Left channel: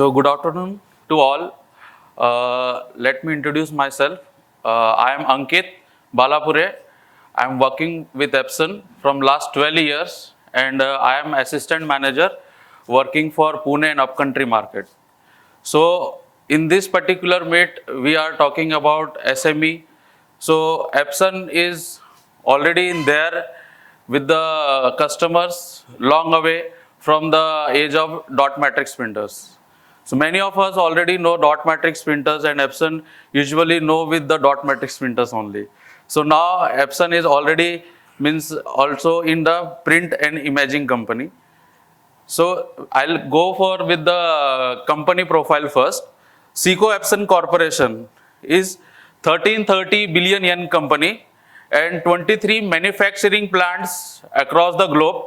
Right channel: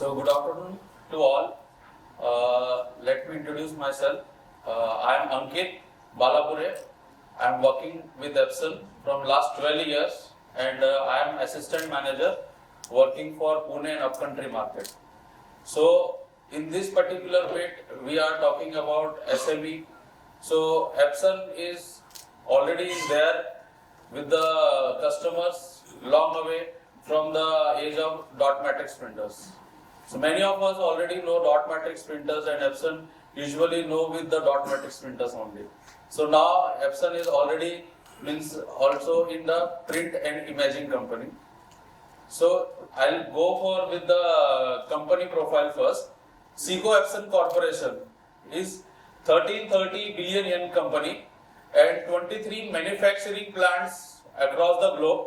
So good afternoon to all. Let me introduce myself. I am Ankit Balapure. I am working with Epson from last 12 years and I am assistant manager working for Pune and upcountry market. So in this particular meet, we are talking about SME. So Epson is already in there with the customers long away from the age of dot matrix printers. So many of us already know dot matrix printers and Epson usually know with the dot matrix printers only. So now Epson is already means also in the print and imaging company. So I'll go for with the company profile first. Seco Epson Corporation is 1330 billion yen company and 23 manufacturing plants across the globe,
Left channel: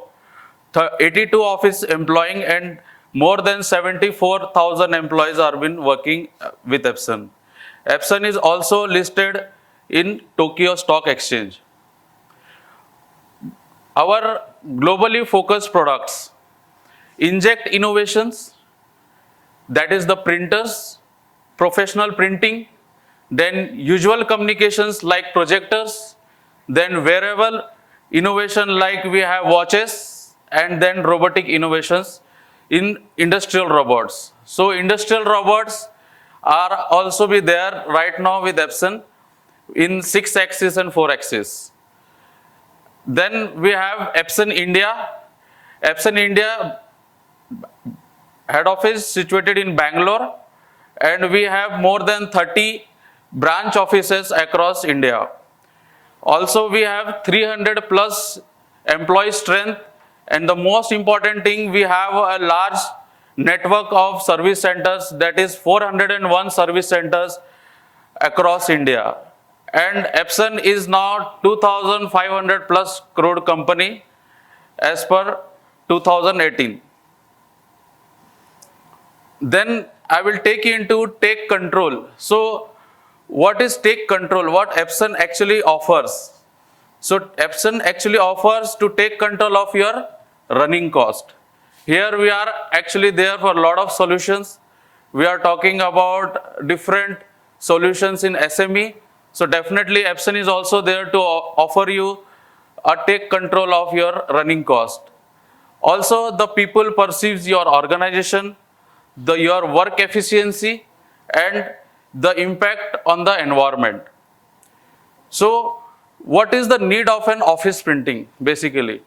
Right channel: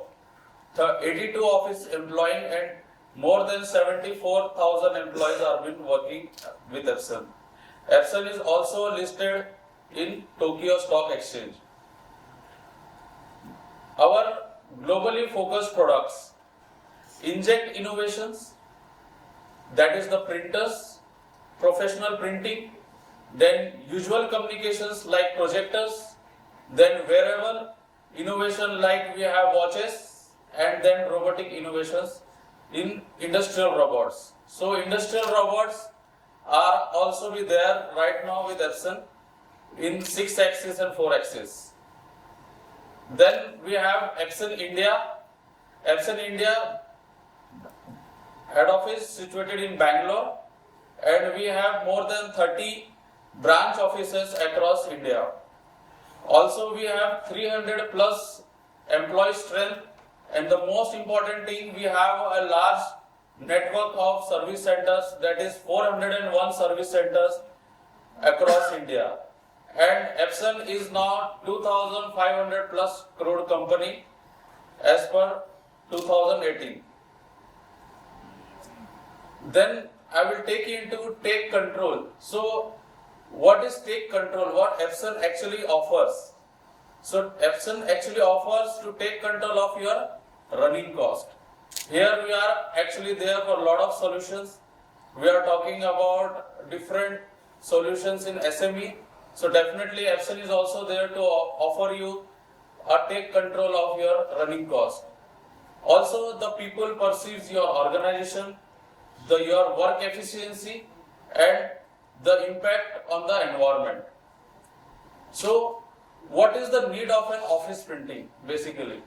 82 office employing and more than 74,000 employees are been working with Epson. Epson is also listed in Tokyo Stock Exchange. Our globally focused products: Inject Innovations, that is the printers, professional printing, then usual communications like projectors, then wearable innovation like we have watches, and then robotic innovations in industrial robots. So industrial robots are also be there right now with Epson in 6 axis and 4 axis. Then we have Epson India. Epson India head office situated in Bangalore, and we have more than 30 branch offices across India. Also we have 300 plus employee strength, and the most important thing, we have a large network of service centers, that is 401 service centers across India. And Epson is now 2500 plus crore company as per 2018. Then I will take you into take control. So what is take control? What Epson actually offers? So Epson actually offers to take control of your running cost. Here we are actually there for a lot of solutions. We are talking about different solutions in SME. So definitely Epson is also there to offer you a take control of your running cost. Also the people perceives your organization, your work efficiency and the impact on the environment. So what is the need of an office printing basically?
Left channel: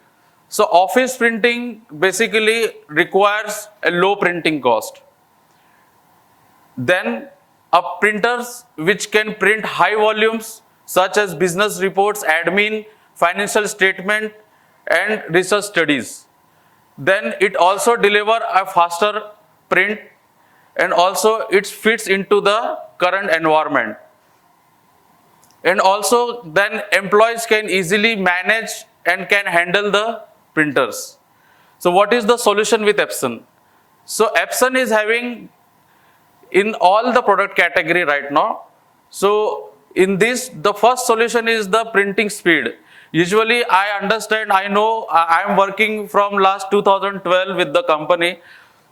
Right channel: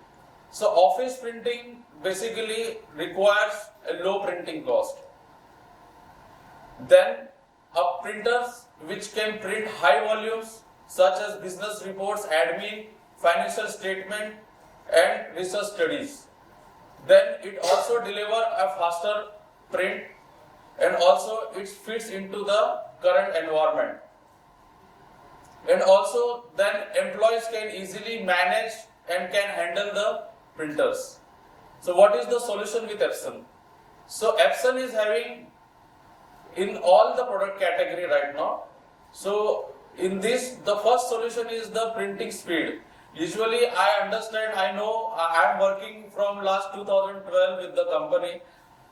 So office printing basically requires a low printing cost. Then printers which can print high volumes such as business reports, admin, financial statement and research studies. Then it also deliver a faster print, and also it fits into the current environment. And also then employees can easily manage and can handle the printers. So what is the solution with Epson? So Epson is having in all the product category right now. So in this, the first solution is the printing speed. Usually I understand, I know I am working from last 2012 with the company.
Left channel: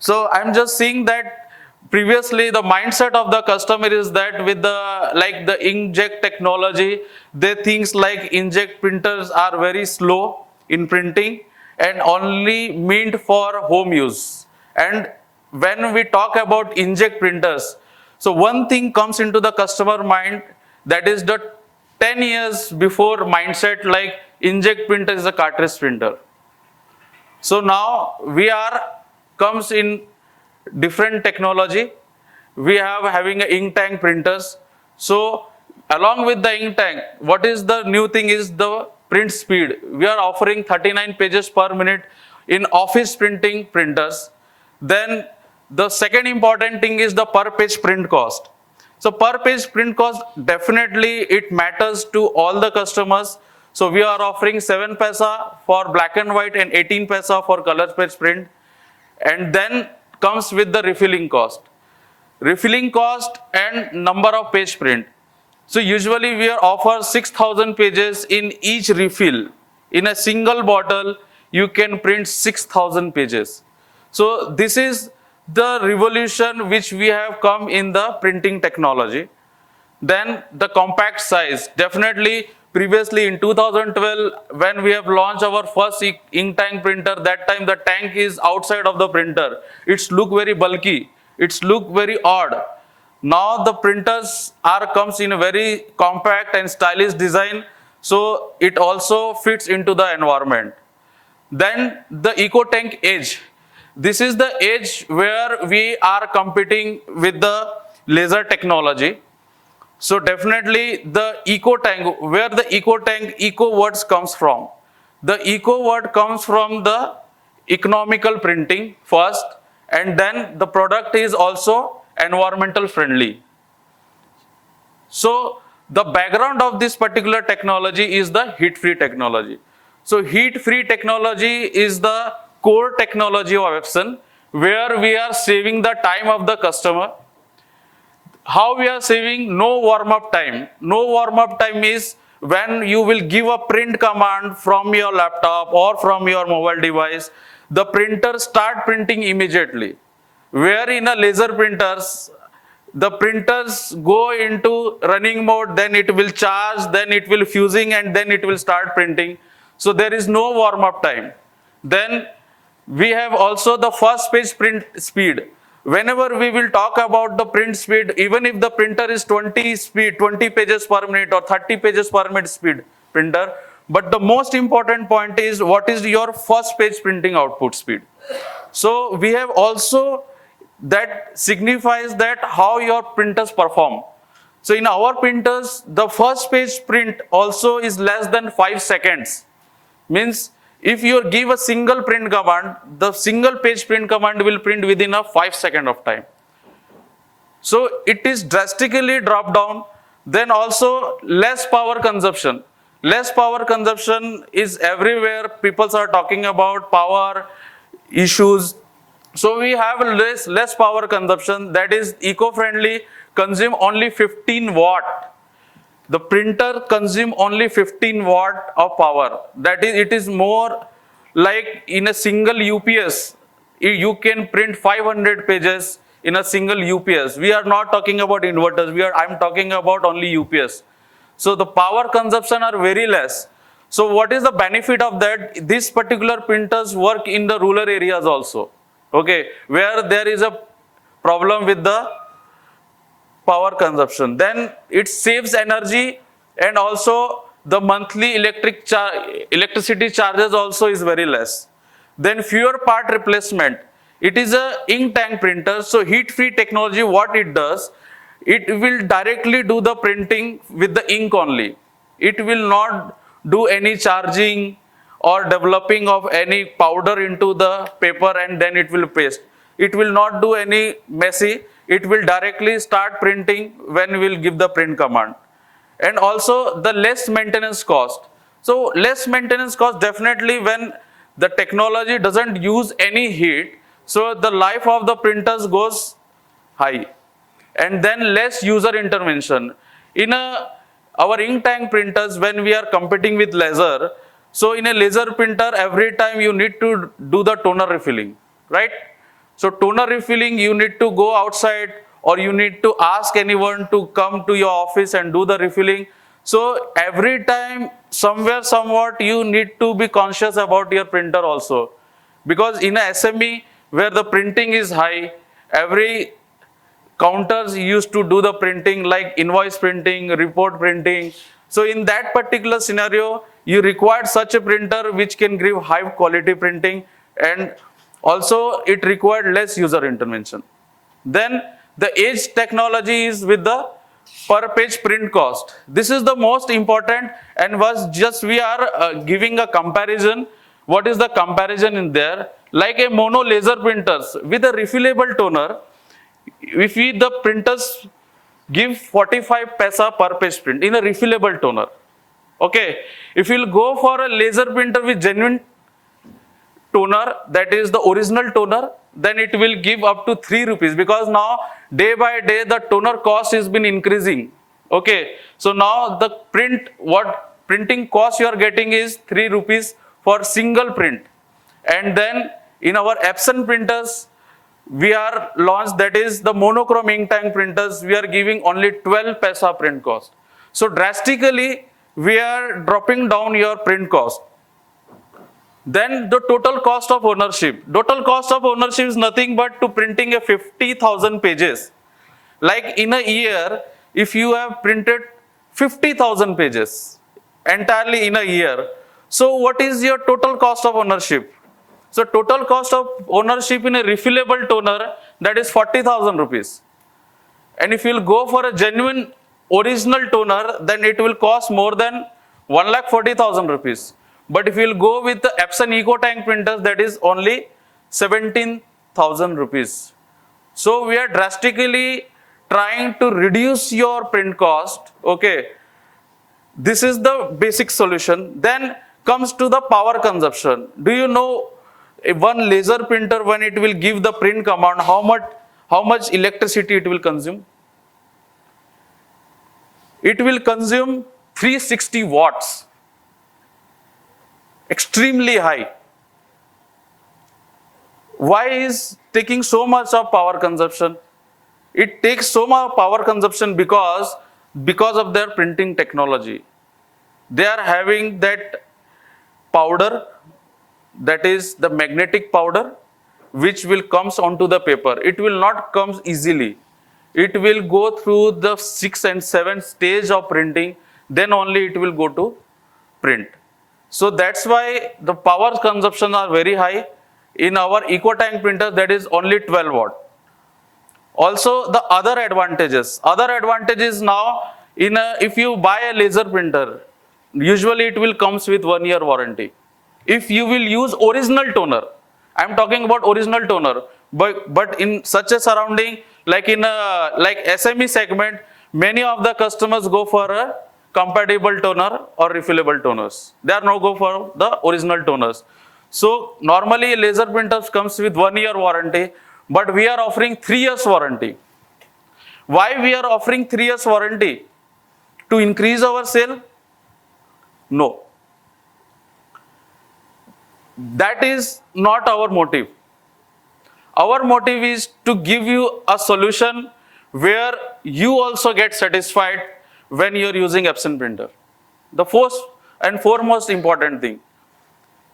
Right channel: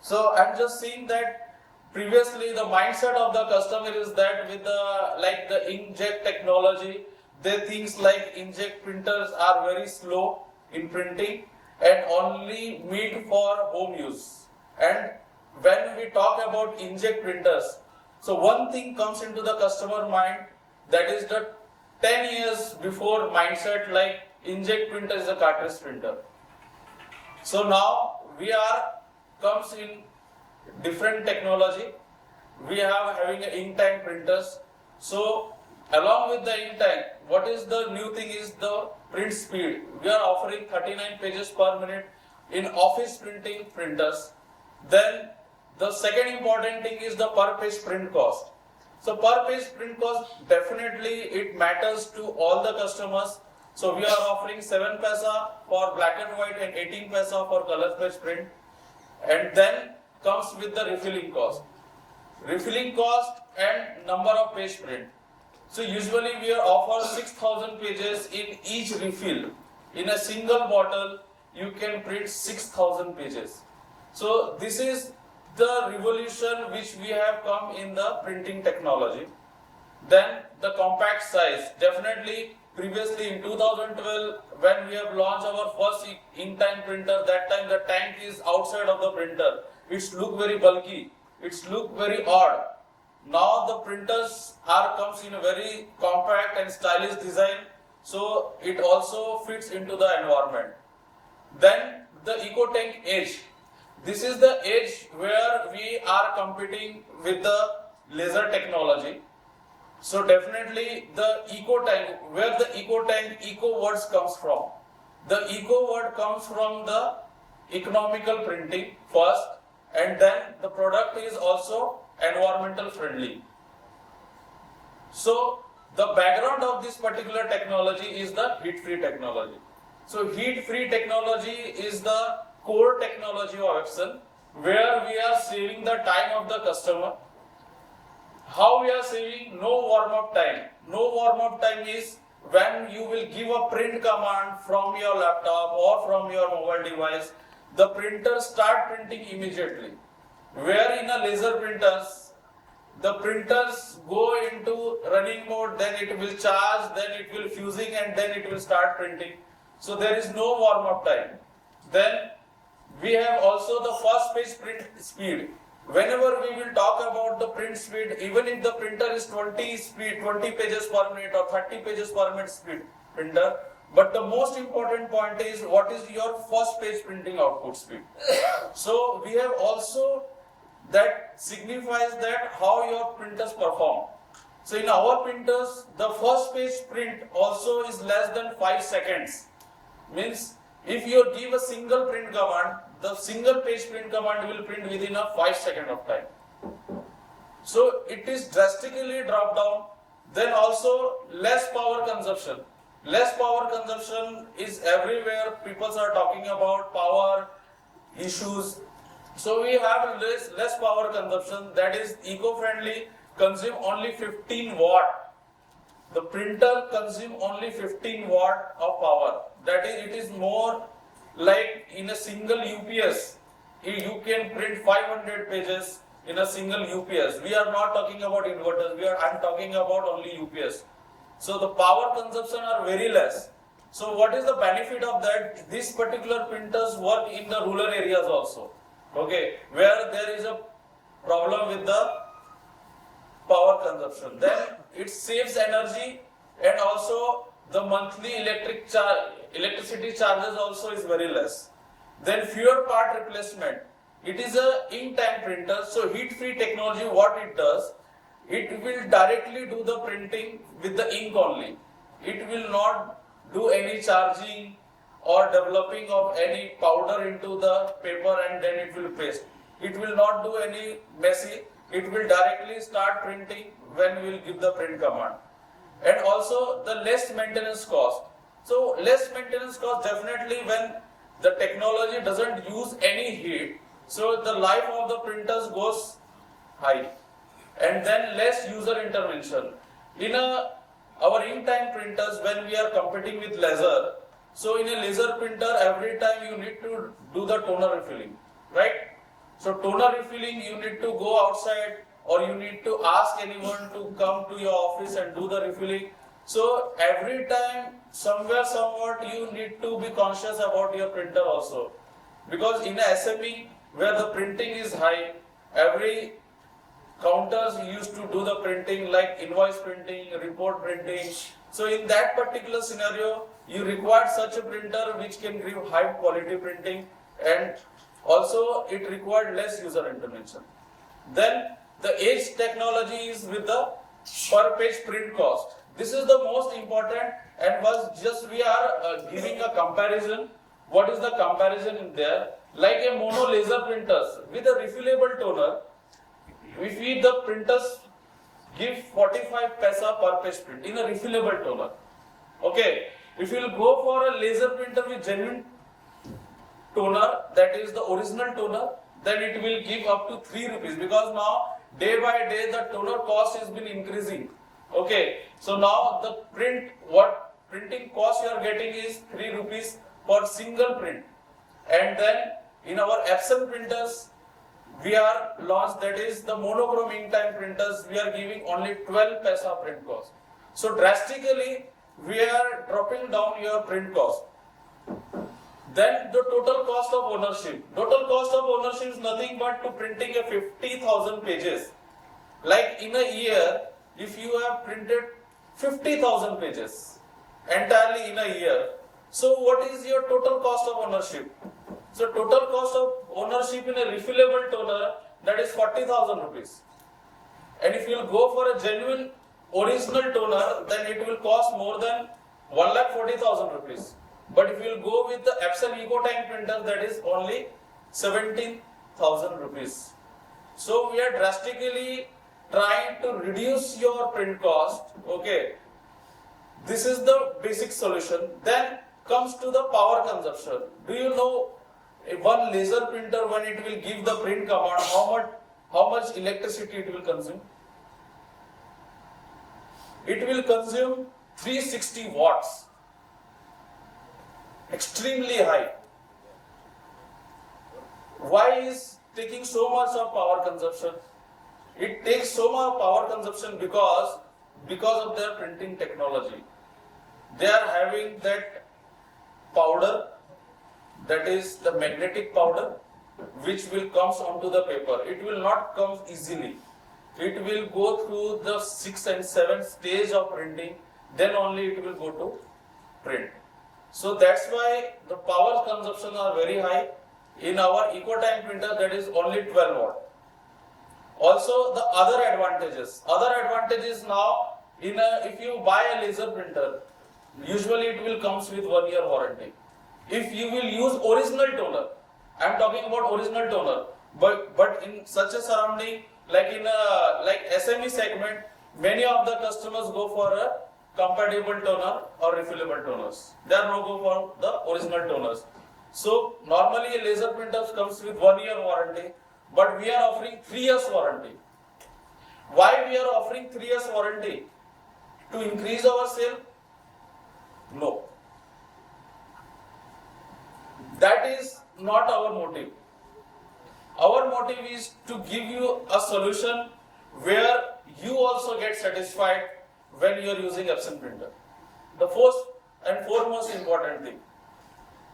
So I'm just seeing that previously the mindset of the customer is that with the like the inkjet technology, they things like inkjet printers are very slow in printing and only meant for home use. And when we talk about inkjet printers, so one thing comes into the customer mind, that is the 10 years before mindset like inkjet printer is a cartridge printer. So now we are comes in different technology. We have having a ink tank printers. So along with the ink tank, what is the new thing is the print speed. We are offering 39 pages per minute in office printing printers. Then the second important thing is the per page print cost. So per page print cost, definitely it matters to all the customers. So we are offering 7 paisa for black and white and 18 paisa for color page print. And then comes with the refilling cost. Refilling cost and number of page print. So usually we offer 6,000 pages in each refill. In a single bottle, you can print 6,000 pages. So this is the revolution which we have come in the printing technology. Then the compact size. Definitely previously in 2012 when we have launched our first ink tank printer, that time the tank is outside of the printer. It's look very bulky. It's look very odd. Now the printers are comes in a very compact and stylish design, so it also fits into the environment. Then the EcoTank Edge. This is the edge where we are competing with the laser technology. So definitely the EcoTank, where the EcoTank, eco words comes from. The eco word comes from the economical printing first, and then the product is also environmental friendly. So the background of this particular technology is the heat-free technology. So heat-free technology is the core technology of Epson, where we are saving the time of the customer. How we are saving? No warm-up time. No warm-up time is when you will give a print command from your laptop or from your mobile device, the printer start printing immediately. Where in a laser printers, the printers go into running mode, then it will charge, then it will fusing, and then it will start printing. So there is no warm-up time. Then we have also the first page print speed. Whenever we will talk about the print speed, even if the printer is 20 pages per minute or 30 pages per minute speed printer, but the most important point is what is your first page printing output speed. So we have also that signifies that how your printers perform. So in our printers, the first page print also is less than 5 seconds. Means if you give a single print command, the single page print command will print within a 5 second of time. So it is drastically dropped down. Then also less power consumption. Less power consumption is everywhere. People are talking about power issues. So we have less power consumption, that is eco-friendly, consume only 15 watt. The printer consume only 15 watt of power. That is, it is more like in a single UPS, you can print 500 pages in a single UPS. We are not talking about inverters. I'm talking about only UPS. So the power consumption are very less. So what is the benefit of that? These particular printers work in the rural areas also. Okay, where there is a problem with the power consumption. Then it saves energy, and also the monthly electricity charges also is very less. Then fewer part replacement. It is a ink tank printer, so heat-free technology, what it does, it will directly do the printing with the ink only. It will not do any charging or developing of any powder into the paper and then it will paste. It will not do any messy. It will directly start printing when we will give the print command. And also the less maintenance cost. So less maintenance cost definitely when the technology doesn't use any heat. So the life of the printers goes high. And then less user intervention. In our ink tank printers, when we are competing with laser, so in a laser printer, every time you need to do the toner refilling, right? So toner refilling, you need to go outside or you need to ask anyone to come to your office and do the refilling. So every time, somewhere, somewhat, you need to be conscious about your printer also. Because in a SME, where the printing is high, every counters used to do the printing like invoice printing, report printing. So in that particular scenario, you require such a printer which can give high quality printing, and also it required less user intervention. Then the edge technology is with the per page print cost. This is the most important, and was just we are giving a comparison. What is the comparison in there? Like a mono laser printers with a refillable toner, if we the printers give 45 paisa per page print in a refillable toner. Okay, if you'll go for a laser printer with genuine toner, that is the original toner, then it will give up to 3 rupees, because now day by day the toner cost has been increasing. Okay, so now the printing cost you are getting is 3 rupees for single print. And then in our Epson printers, we are launched, that is the monochrome ink tank printers. We are giving only 12 paisa print cost. So drastically we are dropping down your print cost. Then the total cost of ownership. Total cost of ownership is nothing but to printing a 50,000 pages. Like in a year, if you have printed 50,000 pages entirely in a year, so what is your total cost of ownership? So total cost of ownership in a refillable toner, that is 40,000 rupees. And if you will go for a genuine original toner, then it will cost more than 1,40,000 rupees. But if you will go with the Epson Eco Tank printers, that is only 17,000 rupees. So we are drastically trying to reduce your print cost. Okay, this is the basic solution. Then comes to the power consumption. Do you know one laser printer, when it will give the print command, how much electricity it will consume? It will consume 360 watts. Extremely high. Why is taking so much of power consumption? It takes so much power consumption because of their printing technology. They are having that powder, that is the magnetic powder, which will comes onto the paper. It will not come easily. It will go through the 6 and 7 stage of printing, then only it will go to print. So that's why the power consumption are very high. In our EcoTank printer, that is only 12 watt. Also the other advantages now, if you buy a laser printer, usually it will comes with 1 year warranty. If you will use original toner, I am talking about original toner, but in such a surrounding, like in a SME segment, many of the customers go for a compatible toner or refillable toners. They are not go for the original toners. So normally laser printers comes with 1 year warranty, but we are offering 3 years warranty. Why we are offering 3 years warranty? To increase our sale? No. That is not our motive. Our motive is to give you a solution where you also get satisfied when you are using Epson printer. The first and foremost important thing.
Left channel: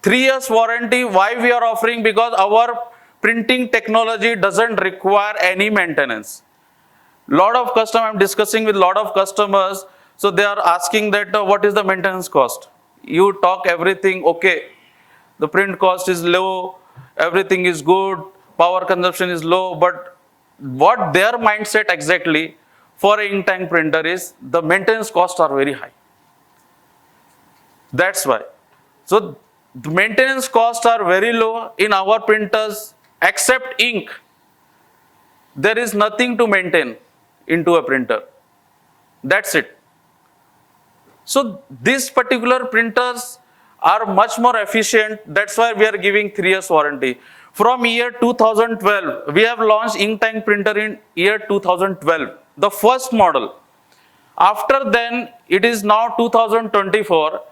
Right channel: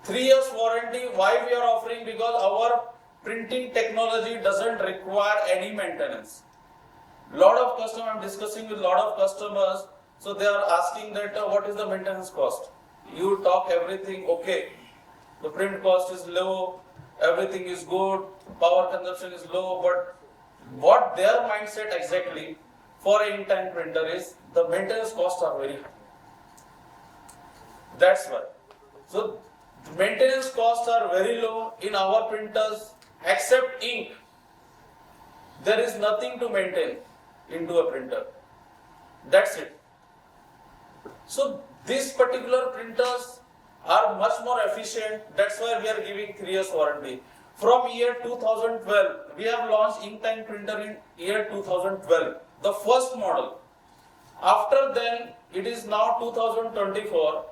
3 years warranty, why we are offering? Because our printing technology doesn't require any maintenance. Lot of customers, I'm discussing with lot of customers, so they are asking that what is the maintenance cost? You talk everything okay, the print cost is low, everything is good, power consumption is low, but what their mindset exactly for an ink tank printer is the maintenance costs are very high. That's why. So the maintenance costs are very low in our printers. Except ink, there is nothing to maintain into a printer. That's it. So these particular printers are much more efficient. That's why we are giving 3 years warranty. From year 2012, we have launched ink tank printer in year 2012, the first model. After then, it is now 2024.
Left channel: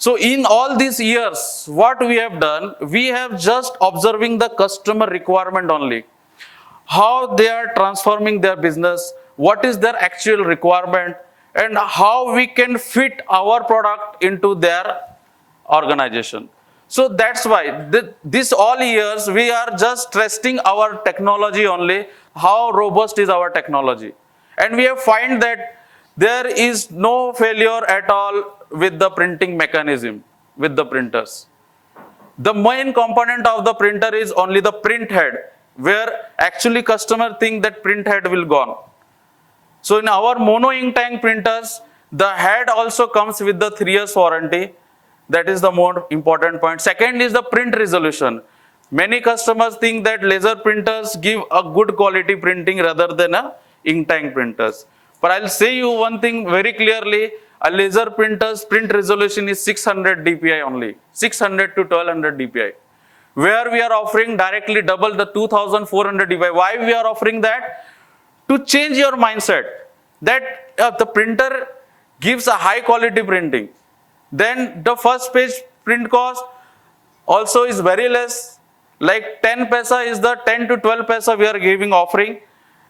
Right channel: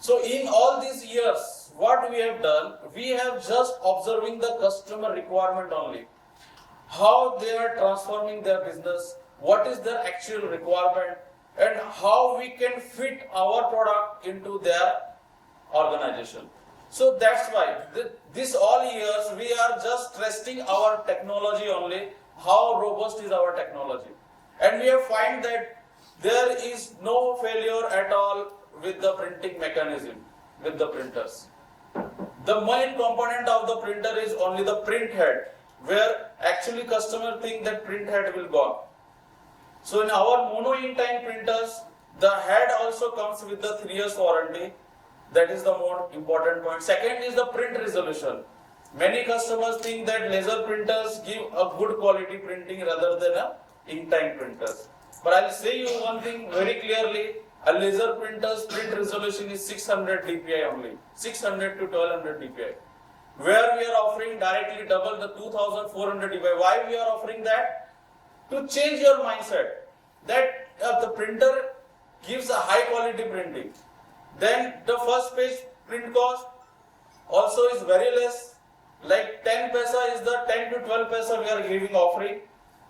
So in all these years, what we have done, we have just observing the customer requirement only. How they are transforming their business, what is their actual requirement, and how we can fit our product into their organization. So that's why this all years we are just testing our technology only, how robust is our technology. And we have find that there is no failure at all with the printing mechanism, with the printers. The main component of the printer is only the print head, where actually customer think that print head will gone. So in our mono ink tank printers, the head also comes with the 3 years warranty. That is the more important point. Second is the print resolution. Many customers think that laser printers give a good quality printing rather than a ink tank printers. But I'll say you one thing very clearly, a laser printer's print resolution is 600 dpi only, 600 to 1200 dpi. Where we are offering directly double the 2400 dpi. Why we are offering that? To change your mindset that the printer gives a high quality printing. Then the first page print cost also is very less. Like 10 paisa is the 10 to 12 paisa we are giving offering.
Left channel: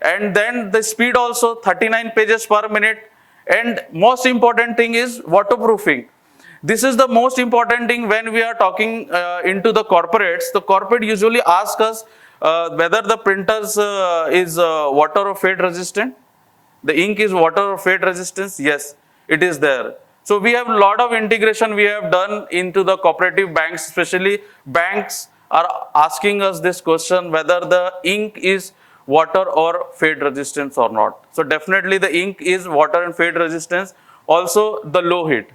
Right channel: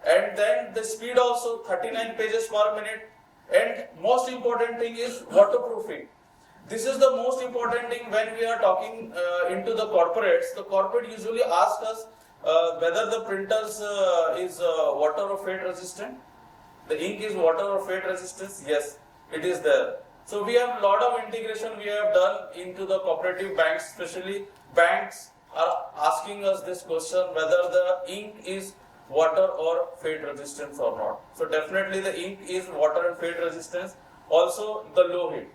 And then the speed also 39 pages per minute. And most important thing is waterproofing. This is the most important thing when we are talking into the corporates. The corporate usually ask us whether the printers is water or fade resistant. The ink is water or fade resistance. Yes, it is there. So we have a lot of integration we have done into the cooperative banks, especially banks are asking us this question whether the ink is water or fade resistance or not. So definitely the ink is water and fade resistance, also the low heat.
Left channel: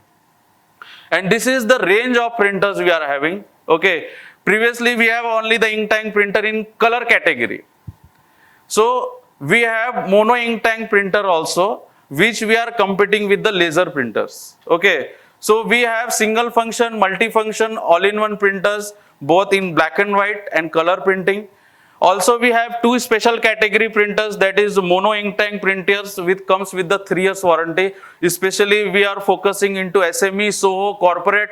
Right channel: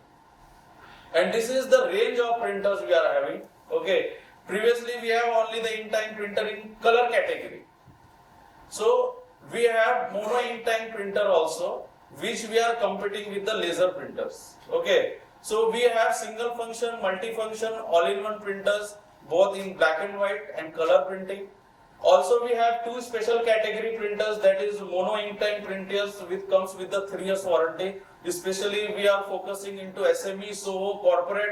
And this is the range of printers we are having. Okay, previously we have only the ink tank printer in color category. So we have mono ink tank printer also, which we are competing with the laser printers. Okay, so we have single function, multifunction, all-in-one printers, both in black and white and color printing. Also, we have two special category printers, that is mono ink tank printers, which comes with the 3 years warranty. Especially we are focusing into SME, SOHO, corporate.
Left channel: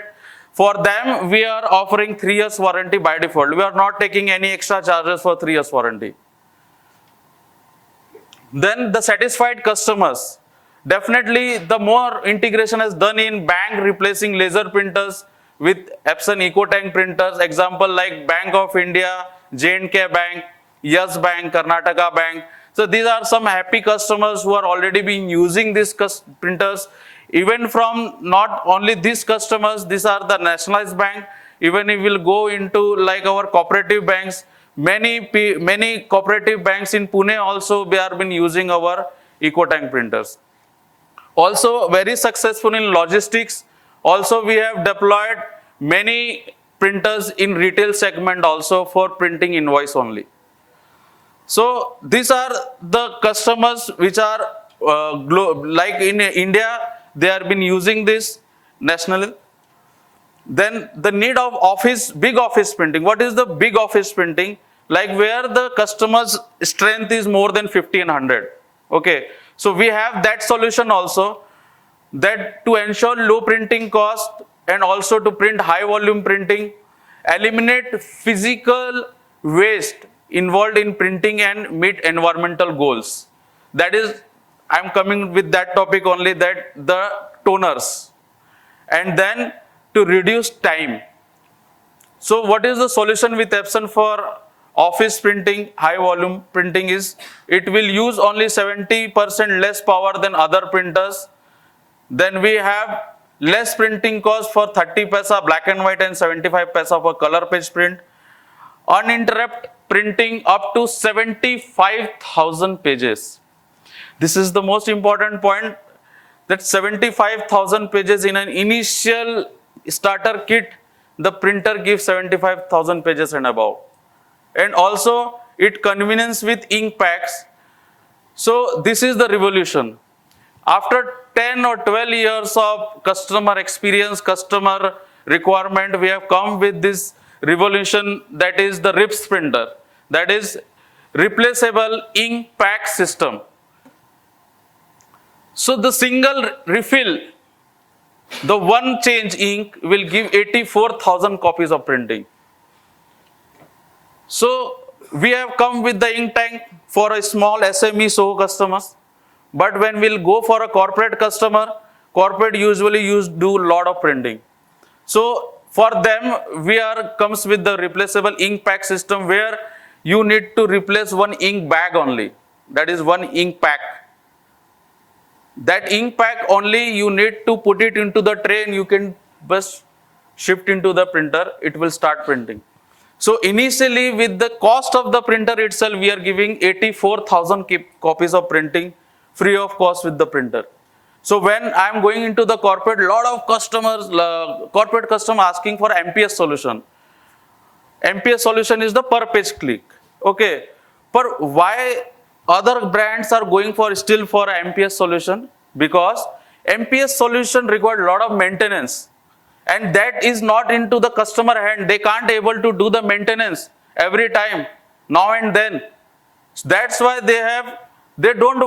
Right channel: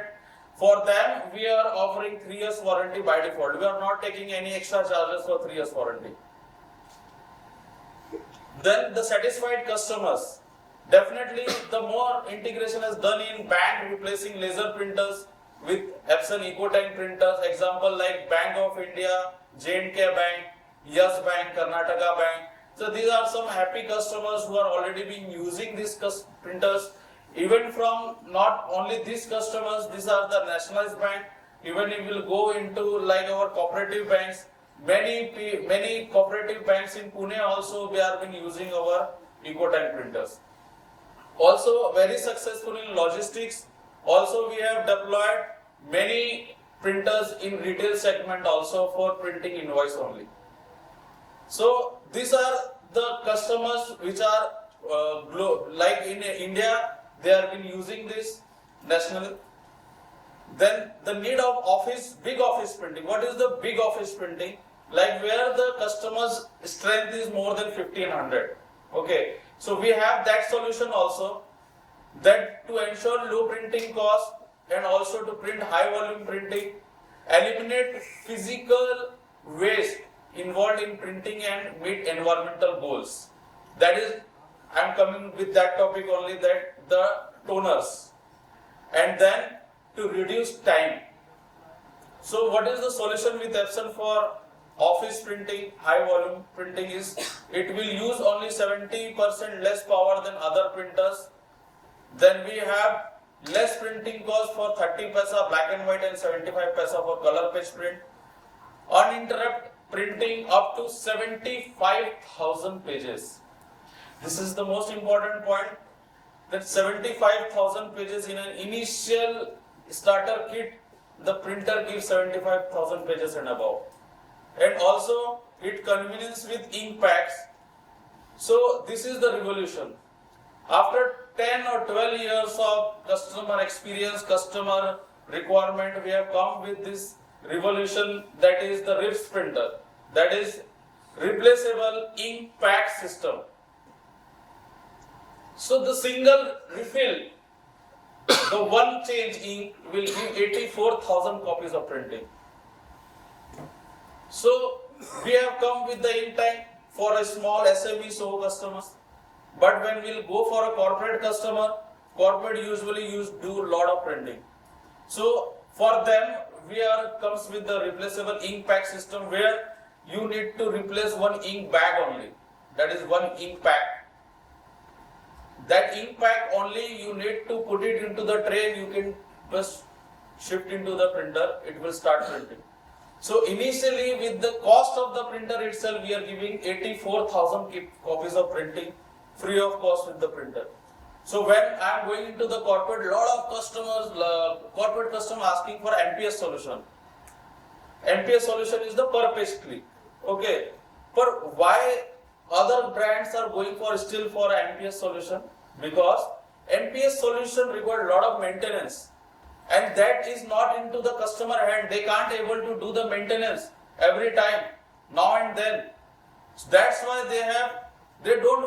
For them, we are offering 3 years warranty by default. We are not taking any extra charges for 3 years warranty. Then the satisfied customers. Definitely the more integration is done in bank replacing laser printers with Epson EcoTank printers. Example like Bank of India, J&K Bank, Yes Bank, Karnataka Bank. So these are some happy customers who are already been using these printers. Even from not only these customers, these are the nationalized bank. Even if we'll go into like our cooperative banks, many cooperative banks in Pune also we have been using our EcoTank printers. Also very successful in logistics. Also we have deployed many printers in retail segment also for printing invoice only. So these are the customers which are like in India, they have been using this nationally. Then the need of office, big office printing. What is the big office printing? Like where the customer's strength is more than 1500. Okay, so we have that solution also, that to ensure low printing cost and also to print high volume printing, eliminate physical waste involved in printing and meet environmental goals. That is, I am coming with that topic only, that the toners. And then to reduce time. So what is the solution with Epson for office printing, high volume printing is, it will use only 70% less power than other printers. Then we have less printing cost for 30 paisa black and white and 75 paisa for color page print. Uninterrupted printing up to 75,000 pages. This is the most important point, that 75,000 pages in an initial starter kit, the printer gives 75,000 pages and above. And also it convenience with ink packs. So this is the revolution. After 10 or 12 years of customer experience, customer requirement, we have come with this revolution, that is the RIPS printer, that is replaceable ink pack system. So the single refill, the one change ink will give 84,000 copies of printing. So we have come with the ink tank for a small SME SOHO customers. But when we'll go for a corporate customer, corporate usually do a lot of printing. So for them, comes with the replaceable ink pack system, where you need to replace one ink bag only. That is one ink pack. That ink pack only you need to put it into the tray and you can just shift into the printer, it will start printing. So initially with the cost of the printer itself, we are giving 84,000 copies of printing free of cost with the printer. So when I am going into the corporate, lot of customers, corporate customer asking for MPS solution. MPS solution is the per page click. Okay, but why other brands are going for still for MPS solution? Because MPS solution requires a lot of maintenance, and that is not into the customer hand. They can't able to do the maintenance every time, now and then. That's why they don't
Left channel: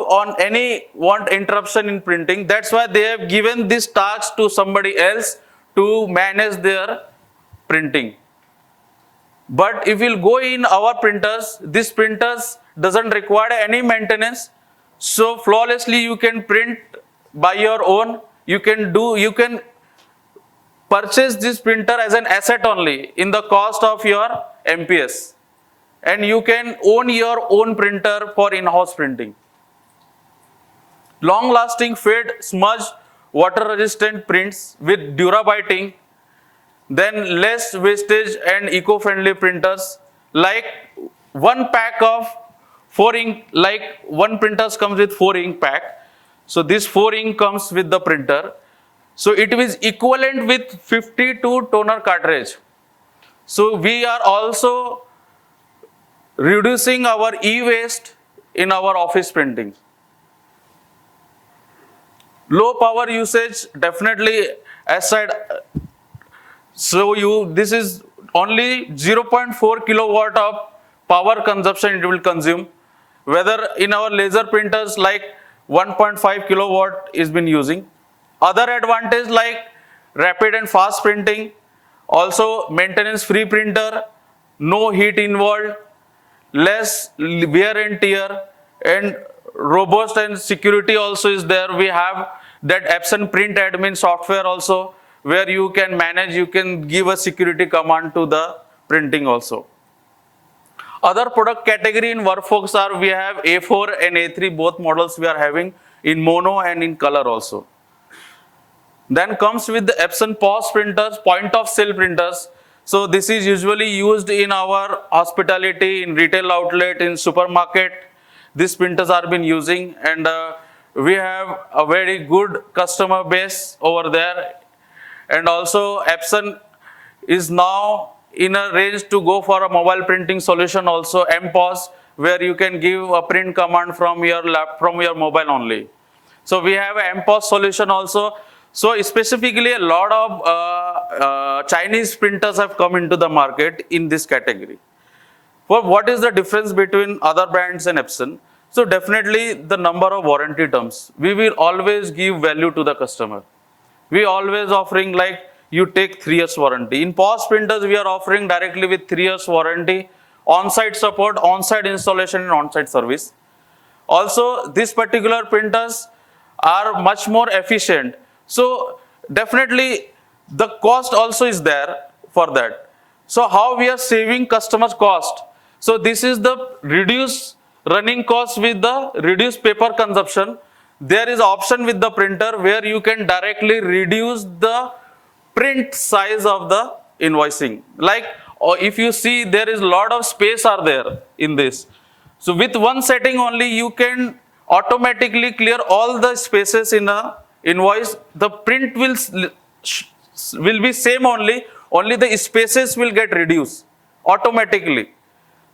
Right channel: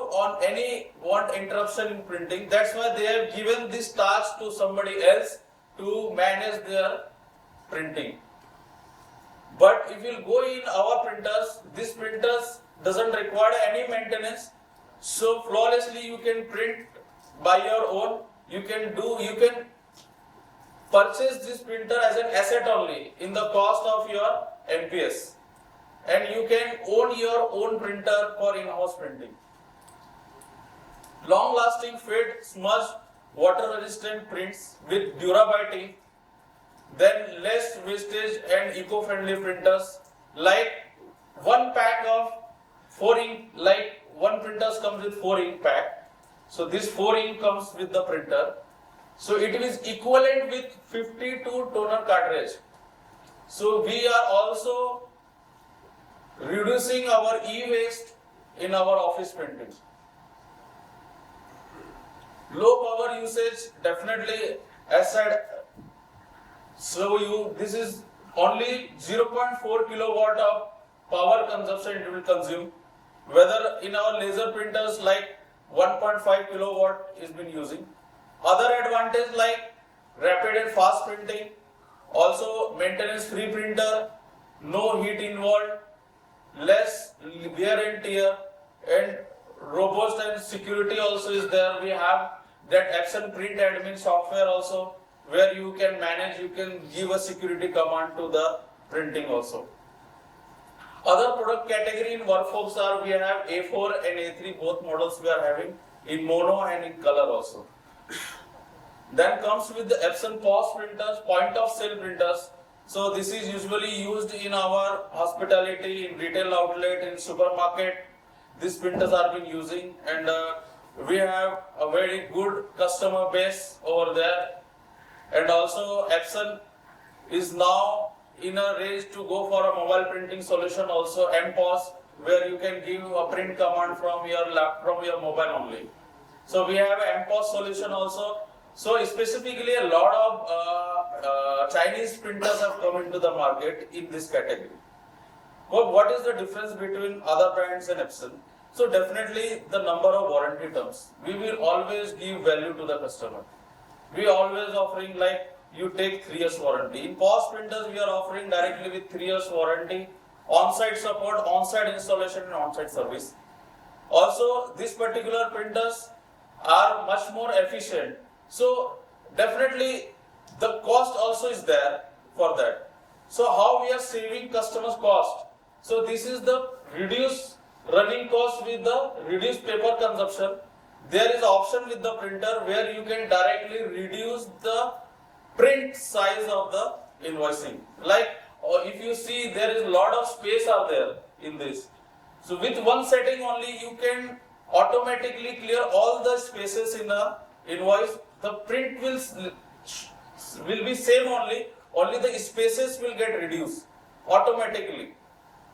want interruption in printing. That's why they have given this task to somebody else to manage their printing. But if you'll go in our printers, this printers doesn't require any maintenance. So flawlessly you can print by your own. You can purchase this printer as an asset only in the cost of your MPS. And you can own your own printer for in-house printing. Long-lasting fade, smudge, water-resistant prints with Durabiting, then less wastage and eco-friendly printers. Like one pack of 4 ink, like one printers comes with 4 ink pack. So this 4 ink comes with the printer. So it is equivalent with 52 toner cartridge. So we are also reducing our e-waste in our office printing. Low power usage, definitely aside. So this is only 0.4 kilowatt of power consumption it will consume. Whether in our laser printers like 1.5 kilowatt is been using. Other advantage like rapid and fast printing, also maintenance free printer, no heat involved, less wear and tear, and robust and security also is there. We have that Epson print admin software also, where you can manage, you can give a security command to the printing also. Other product category in Workforce are, we have A4 and A3, both models we are having in mono and in color also. Then comes with the Epson POS printers, point of sale printers. So this is usually used in our hospitality, in retail outlet, in supermarket. These printers are been using, and we have a very good customer base over there. And also Epson is now in a range to go for a mobile printing solution also, MPOS, where you can give a print command from your mobile only. So we have a MPOS solution also. So specifically a lot of Chinese printers have come into the market in this category. Well, what is the difference between other brands and Epson? So definitely the number of warranty terms. We will always give value to the customer. We always offering like you take 3 years warranty. In POS printers, we are offering directly with 3 years warranty, on-site support, on-site installation and on-site service. Also, these particular printers are much more efficient. So definitely the cost also is there for that. So how we are saving customers cost? So this is the reduced running cost with the reduced paper consumption. There is option with the printer where you can directly reduce the print size of the invoicing. Like if you see, there is a lot of space are there in this. So with one setting only, you can automatically clear all the spaces in a invoice. The print will be same only the spaces will get reduced automatically.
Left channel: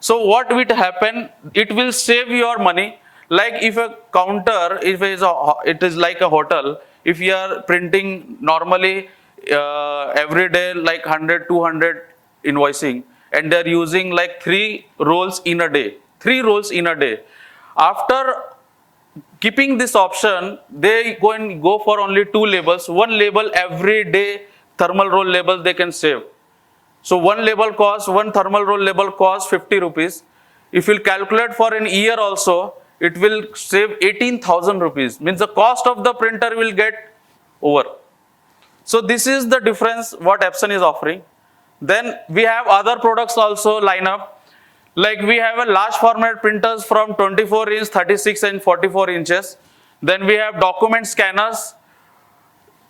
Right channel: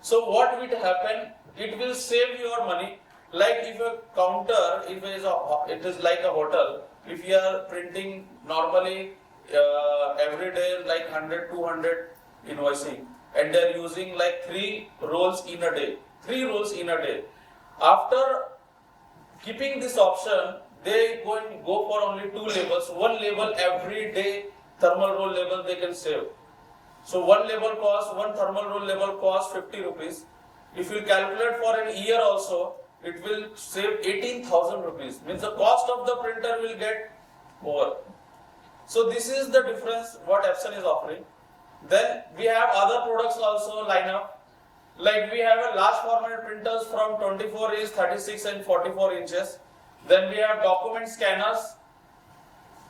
So what will happen? It will save your money. Like if a counter, if it is like a hotel, if you are printing normally every day like 100, 200 invoicing, and they're using like 3 rolls in a day. 3 rolls in a day. After keeping this option, they go for only 2 labels. One label every day, thermal roll label they can save. So one thermal roll label costs 50 rupees. If you calculate for an year also, it will save 18,000 rupees. Means the cost of the printer will get over. So this is the difference what Epson is offering. Then we have other products also line up. Like we have a large format printers from 24 inch, 36 and 44 inches. Then we have document scanners.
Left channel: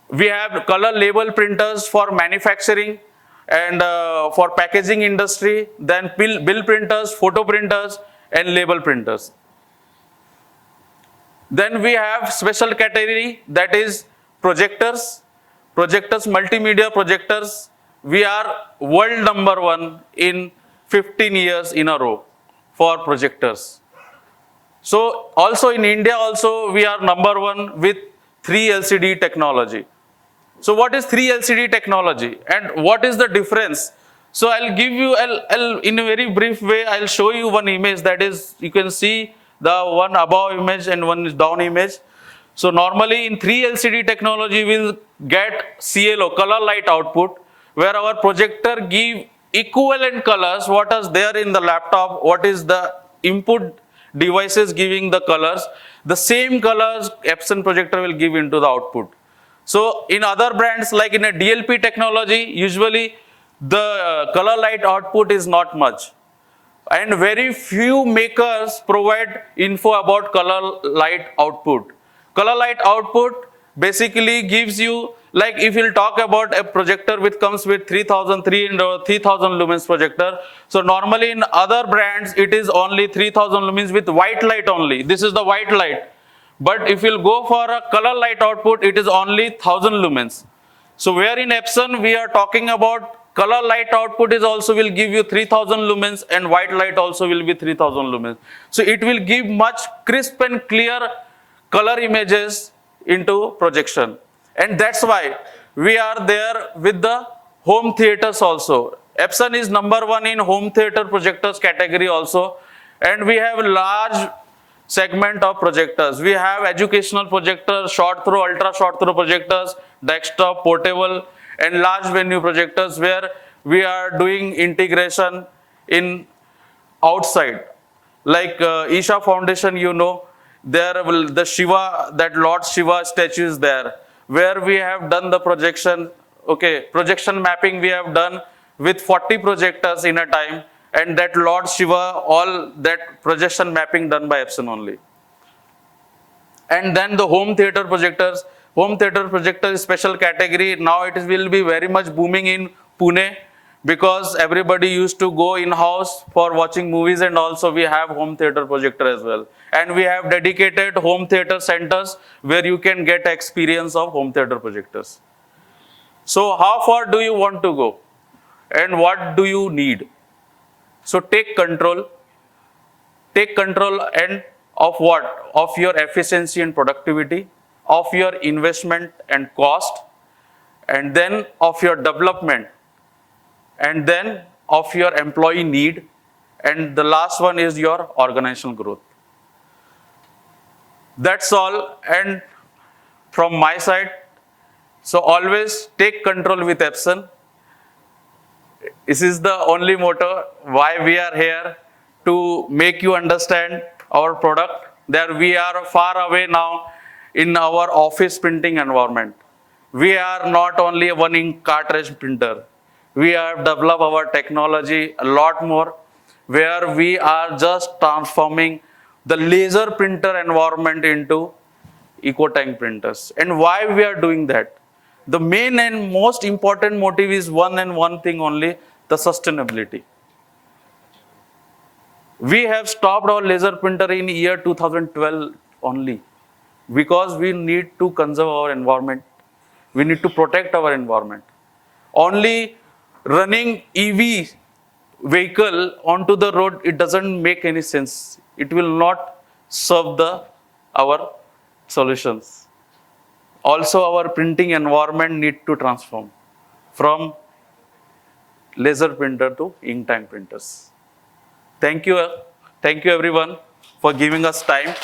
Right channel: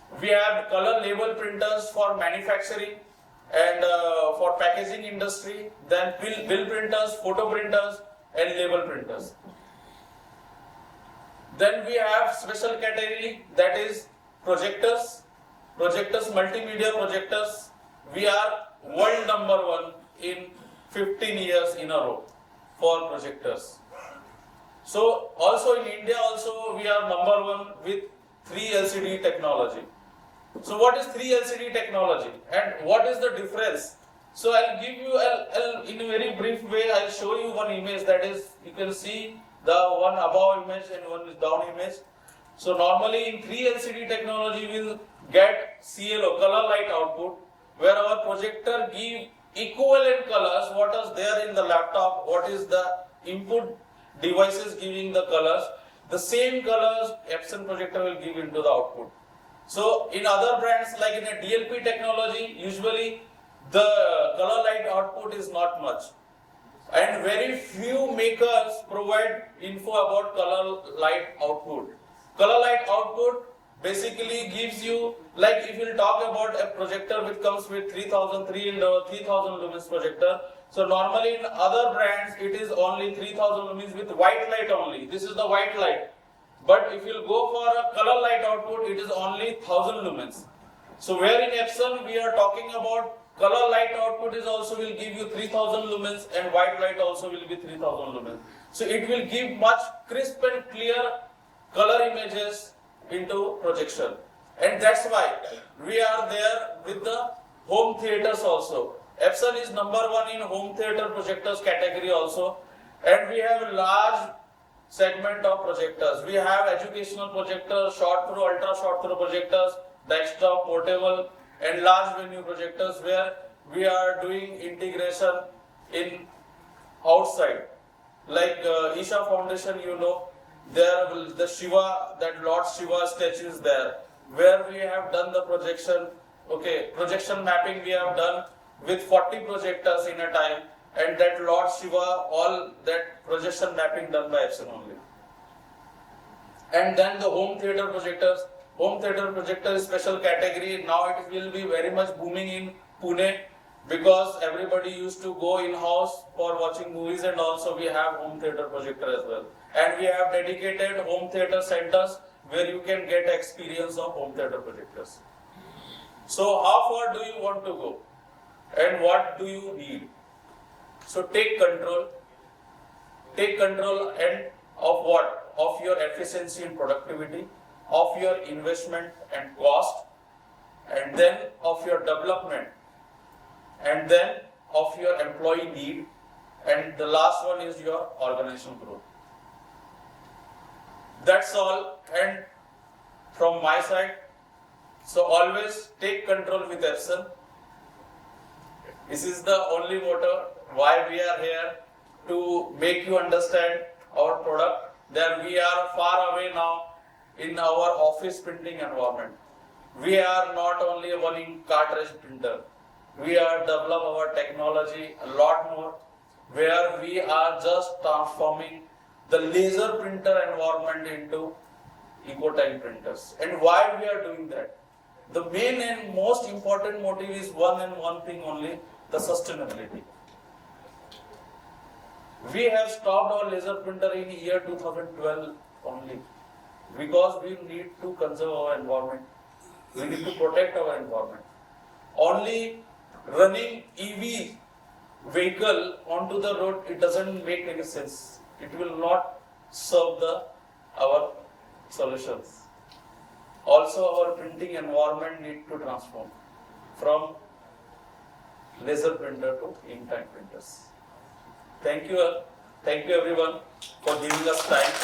We have color label printers for manufacturing and for packaging industry. Then bill printers, photo printers and label printers. Then we have special category, that is projectors. Projectors, multimedia projectors. We are world number 1 in 15 years in a row for projectors. So also in India also we are number 1 with 3 LCD technology. So what is 3 LCD technology and what is the difference? So I'll give you, in a very brief way, I'll show you one image, that is, you can see the one above image and one is down image. So normally in 3 LCD technology we'll get CLO, color light output, where our projector give equivalent colors, what is there in the laptop, what is the input devices giving the colors, the same colors Epson projector will give into the output. So in other brands, like in a DLP technology, usually the color light output is not much. And very few makers provide info about color light output. Color light output basically gives you, like if you'll talk about a projector which comes with 3003 or 3000 lumens projector. So normally in other brands, it is only 3000 lumens with white light only. This is the white light. But if you'll go for a color light output, it is only 1000 lumens. So where in Epson, we are talking about color light output is also will give you 3000 lumens and white light also will be 3000 lumens. So it will give much crisp and clear color images into projection. And that's why we are there with the home theaters also. Epson is #1 in home theater projectors category also. And we have large segment of projectors. We have educational projectors, short throw, ultra short throw projectors, desktop, portable, and large venue projectors where we are doing integration in outside. Like Isha Foundation, you know, there will the Shiva, that Lord Shiva statue is there, where we have done the projection, okay, projection mapping we have done with 40 projectors in a time, and that Lord Shiva, all that projection mapping done by Epson only. And then the home theater projectors, home theater projector is special category. Now it will be very much booming in Pune because everybody used to go in-house for watching movies, and also we have home theater projector as well. And we have dedicated home theater centers where you can get experience of home theater projectors. So how far do you want to go? And what do you need? So take control and of what? Of your efficiency and productivity, of your investment and cost, and then of your development, and then of your employee need, and the last one is your organizational growth. That's all. And from my side, so always take control with Epson. This is the only motto why we are here, to make you understand our product, that we are far away now in our office printing environment. We are not only one ink cartridge printer. We are develop our technology a lot more, where we are just transforming the laser printer environment into eco-tank printers. And why we are doing that? The main and most important motive is one thing only, the sustainability. We have stopped our laser printer in year 2012 only because we need to conserve our environment. We need to protect our environment. Only running EV vehicle onto the road, it doesn't make any sense. It will not serve our solutions. Also, our printing environment need to transform from laser printer to ink tank printers. Thank you everyone for giving us time.